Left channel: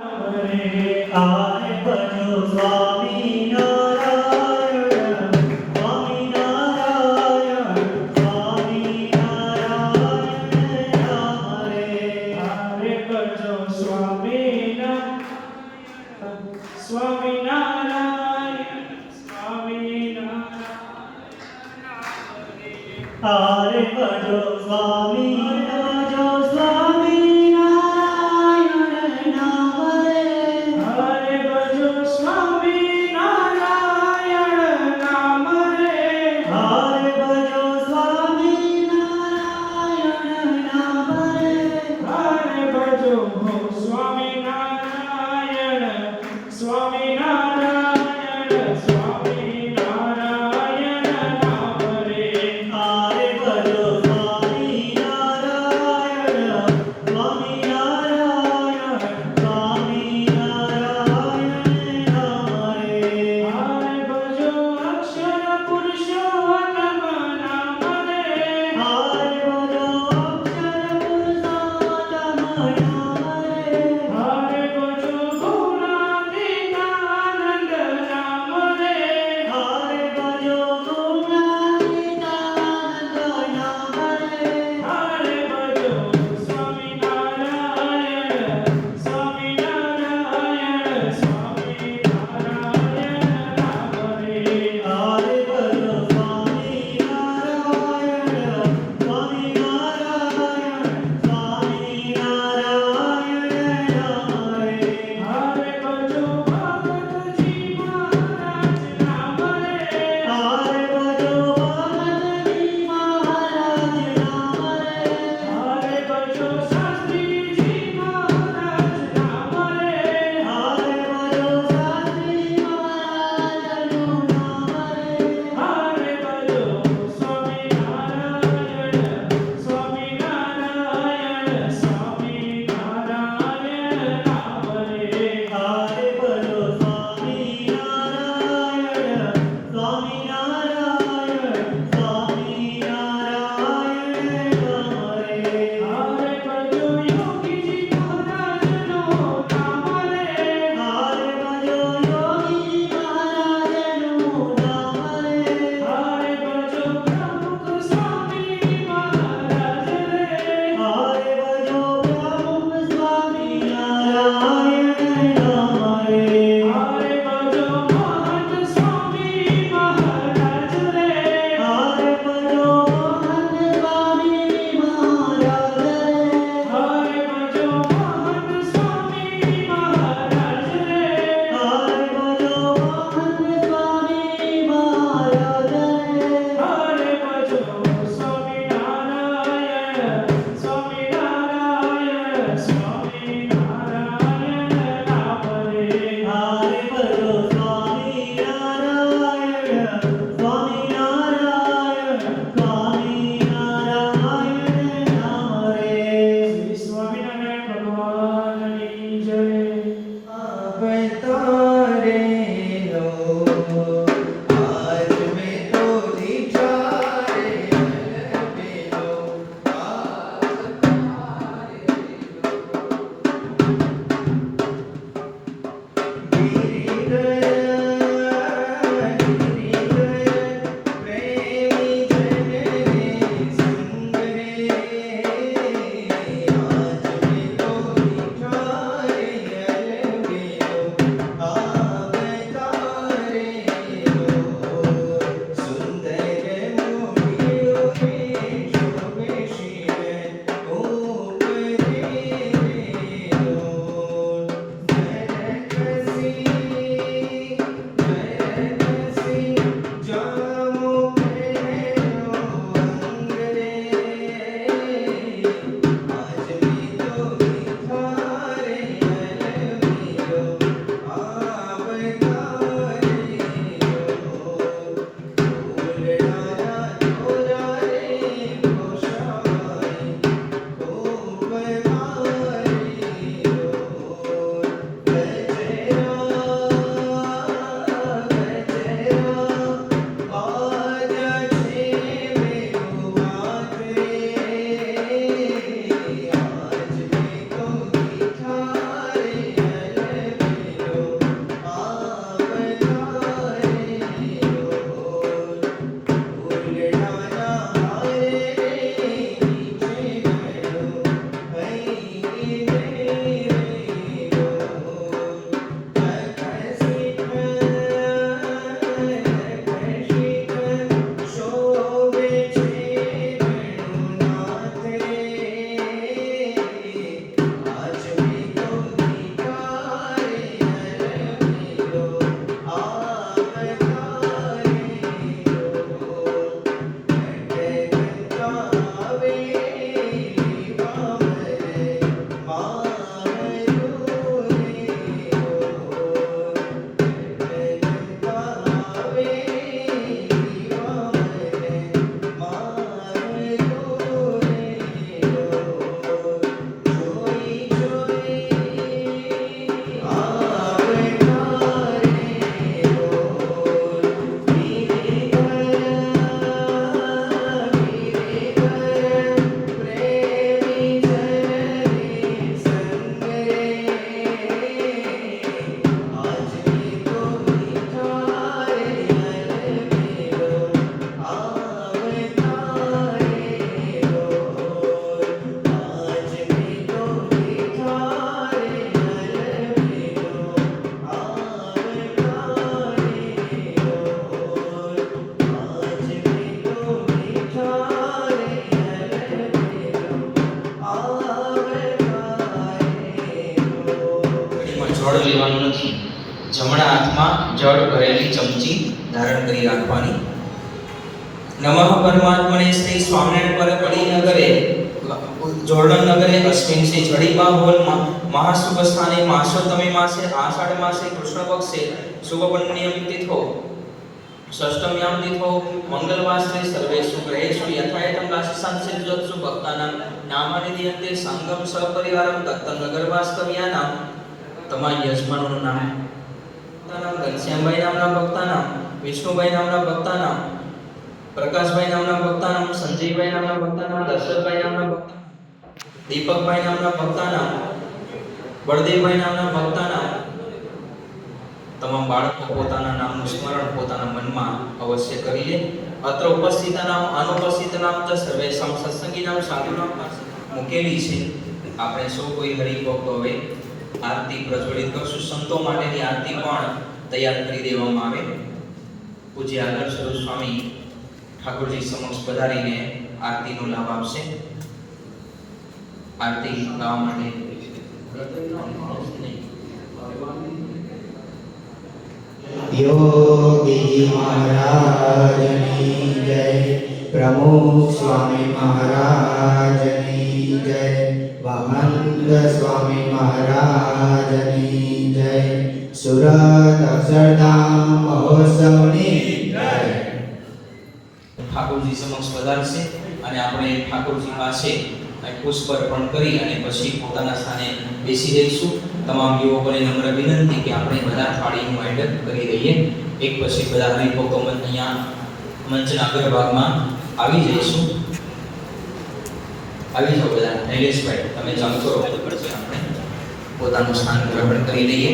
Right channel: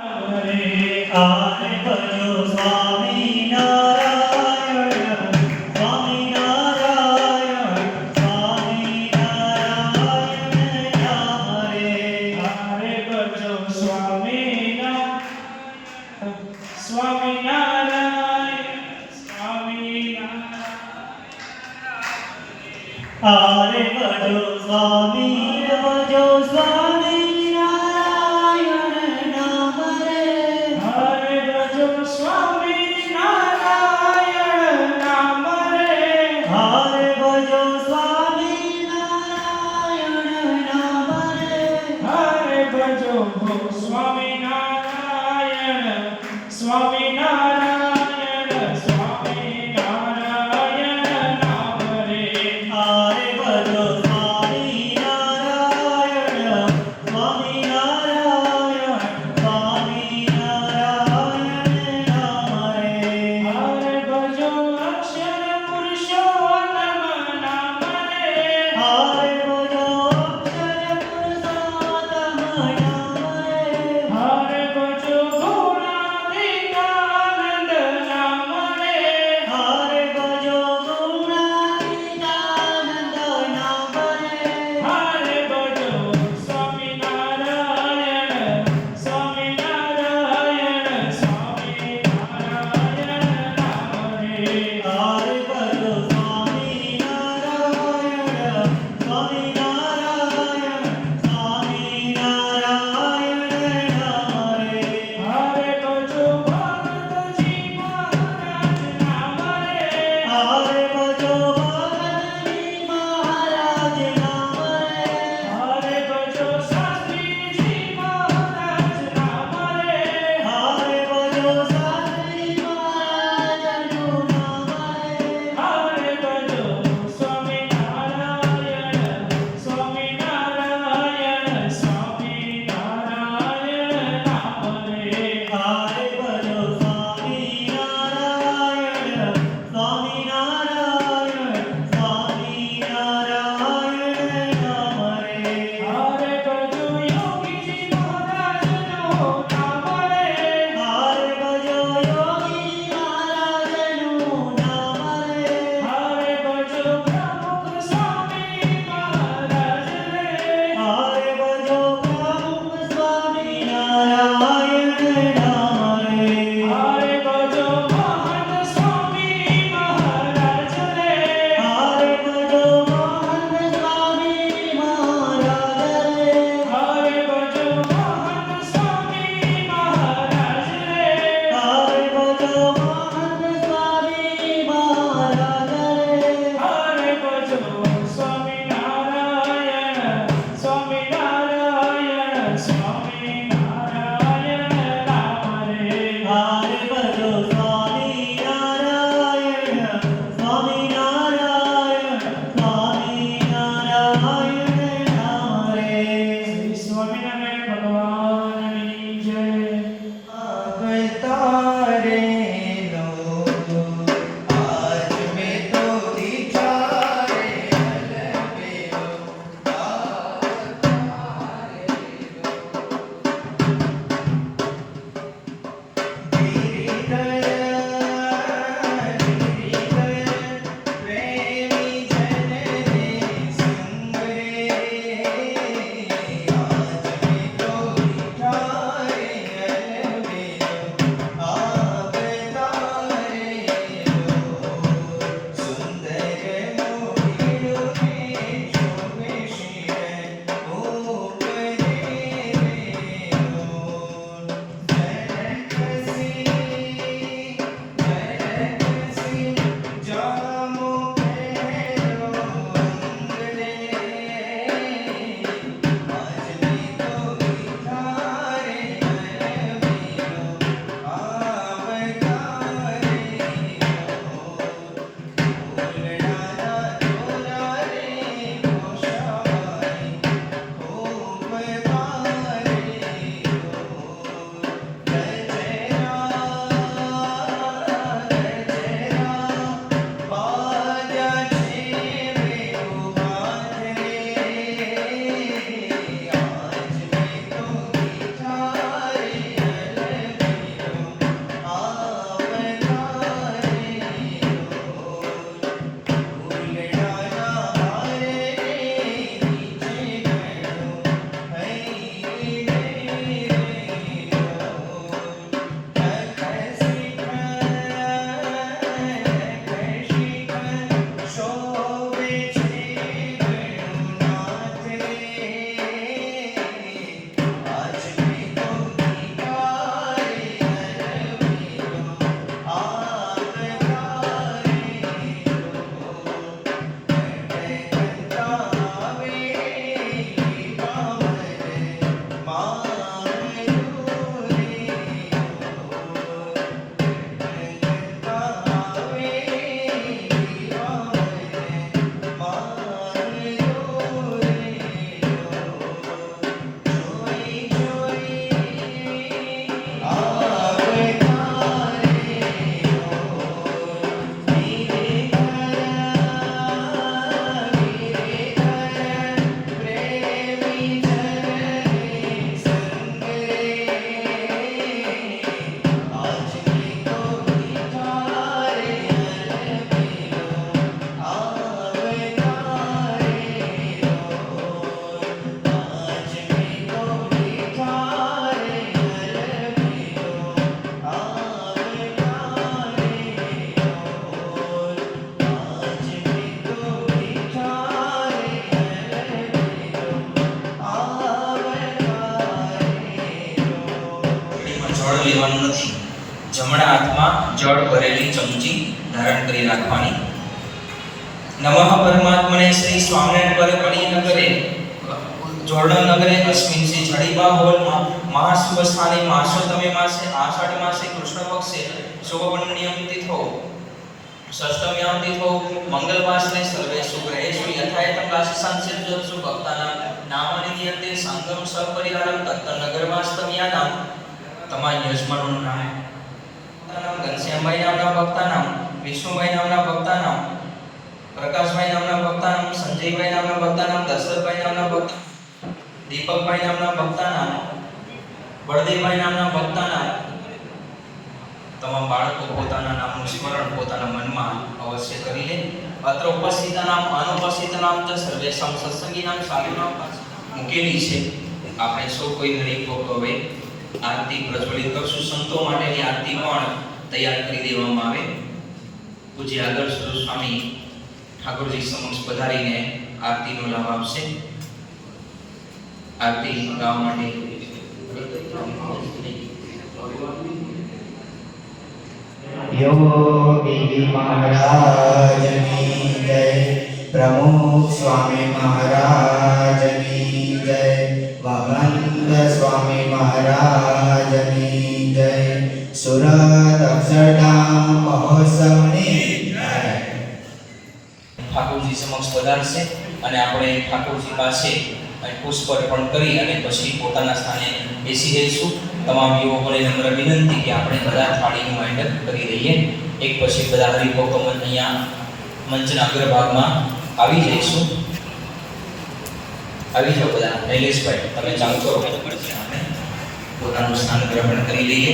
આરે ભજો સ્વામી નારાયણ સ્વામી નારાયણ સ્વામી નારાયણ આરે ભજો સ્વામિનારાયણ સ્વામિનારાયણ આરે ભજો સ્વામી ભજો સ્વામી નારાયણ નામ રે આરે ભજો સ્વામિનારાયણ નામ રે આરે ભજો સ્વામી નારાયણ નામ રે આરે ભજો સ્વામિનારાયણ સ્વામિનારાયણ સ્વામિનારાયણ નામ રે આરે ભજો સ્વામી નારાયણ જળ લેવાનું નથી. જમણા હાથમાં જળ ભરેલી ચમચી ધારણ કરી રાખવાની. નમઃ પરમાત્મને શ્રી સ્વામિનારાયણ પર પડી નગરે જોરડમ નગરે અશ્વિન શ્રી જડીબા હોલમાં મહાશુભ સ્થાને માસોતમે માસે આષાઢ માસે કૃષ્ણ પક્ષે શુભ પુણ્યમ તિથો ષષ્ઠમ્યામ તિથો મંગલવાસરે સર્વે સુગ્રહેષુ યથાયતમ રાશિસંસિદ્ધ જોત્સુ ભક્તાનામ નામાનિ દિયંતે સંગમ સપરિવારમ તત્તનગર વાસ્તવ્યાનામ. તમારા યજમાનોનું નામ ભક્તાનામ ઘનશ્યામભાઈ નામના ભક્તાનામ, વિષ્ણુભાઈ નામના ભક્તાનામ, પ્રકાશભાઈ નામના ભક્તાનામ, સંજયભાઈ નામના ભક્તાનામ, દશરથભાઈ નામના ભક્તાનામ, દીપકભાઈ નામના ભક્તાનામ, બળદેવભાઈ નામના ભક્તાનામ. તમામ બાળકો પોતાના નામનું સ્મરણ પોતાના મનમાં અવશ્ય કરી લે. અત્ર ઉપસ્થિતાનામ અનુપસ્થિતાનામ ચ સર્વેષાં સત્સંગીનામ શાલિનામ મૂકેલી છે. આપણે સૌ કોઈ હરિભક્તો હવે આરતી પ્રજ્વલિત કરશું. સંતો માટેની આરતી પણ તૈયાર કરી દેવામાં આવે. પૂજ્ય આગળ સ્વરૂપ સ્વામી ઠાકોરજી સમક્ષ પધારીને આરતીનો લાભ આપશે. આરતી ગાવા માટે योगी महाराज की जय, प्रमुख स्वामी महाराज की जय, वामनंद स्वामी महाराज की जय, सुरत अक्षरधाम महोत्सवની જય. ઠાકોરજી સમક્ષ પધારશે અને આપણે ઠાકોરજી પાસે પુષ્પ અર્પણ કરી અને પછી પોતાના સ્થાને બેસી જઈશું. તમામ યુવકોને નમ્ર વિનંતી કે આપણે બધા થાળીનું આયોજન કરી દઈએ. એક પછી બધા હરિભક્તો અહીંયા મંચના અગ્રભાગમાં આવી જઈશું. આવી જાઓ બધા. શૈલેષભાઈ તમે ચાલુ કરો, આપણે પોતાનું સ્થાન ગ્રહણ કરી લઈએ.